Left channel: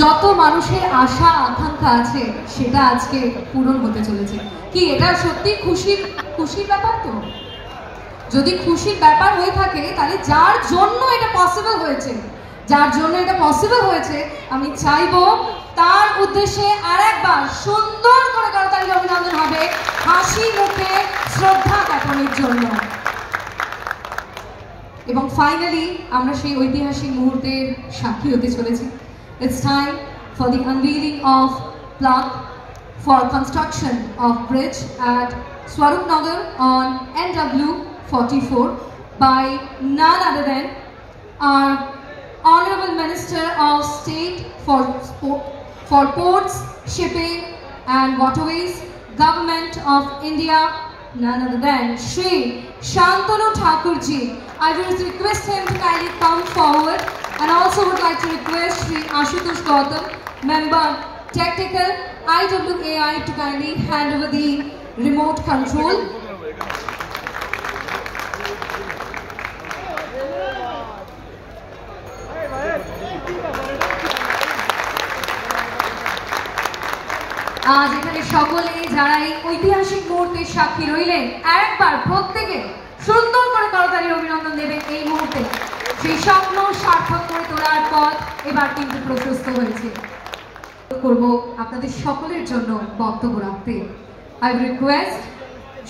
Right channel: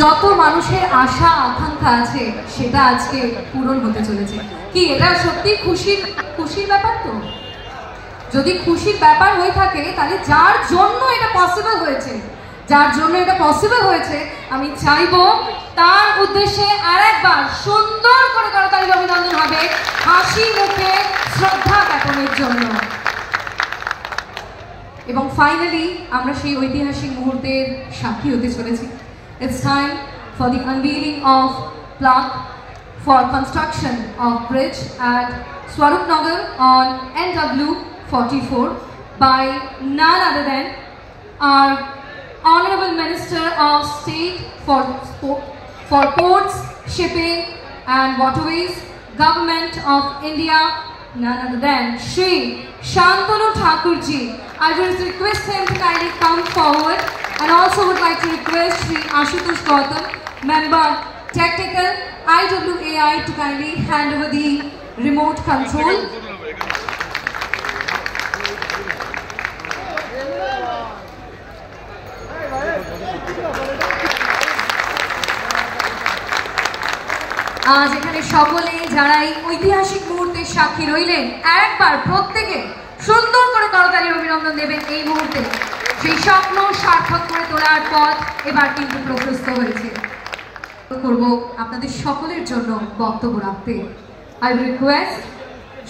যত মানুষের আশা আকাঙ্ক্ষা আছে সেটা আজকে পূরণ হতে চলেছে। কি এটা সত্যি খুশির ব্যাপার? তো যদি খুশির ব্যাপার হয়ে থাকে তাহলে যার জন্য এটা পসিবল হয়েছে আমি চাইবো তার উদ্দেশ্যে আরেকবার সুন্দর করে করতালি অভিনন্দন হবে, হাসি মুখে শ্রদ্ধা জ্ঞাপনের জন্য। এবং ফাইনালি আমরা সেই ঐতিহাসিক মুহূর্তের সাক্ষী হতে চলেছি। It's time for the unveiling of plaque for construction of bridge at Swarupnagar on NW44 by none other than our Honorable Minister of State for Ports, Shipping and Waterways, Government of India, none other than Shri Shantanu Thakurji. I will request him to kindly come forward, and also would like to request Shri Ashutosh Gautam, Member Technical IWAI, to kindly hand over the remote control. আজ এখানে সকলেই যারা এই ঐতিহাসিক মুহূর্তের সাক্ষী রইলেন একবার প্রত্যেকে সুন্দর করে করতালি অভিনন্দন দেবেন। এই মুহূর্তে সেই স্বপ্ন সার্থক করে তোলার পথ এবার কিন্তু প্রশস্ত হয়েছে। করব আপনাদের সকলের জন্য বক্তব্য রাখতে। I will request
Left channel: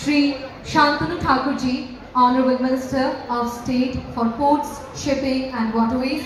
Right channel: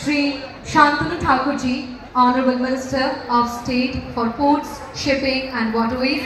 Shri Shantanu Thakurji, Honorable Minister of State for Ports, Shipping and Waterways,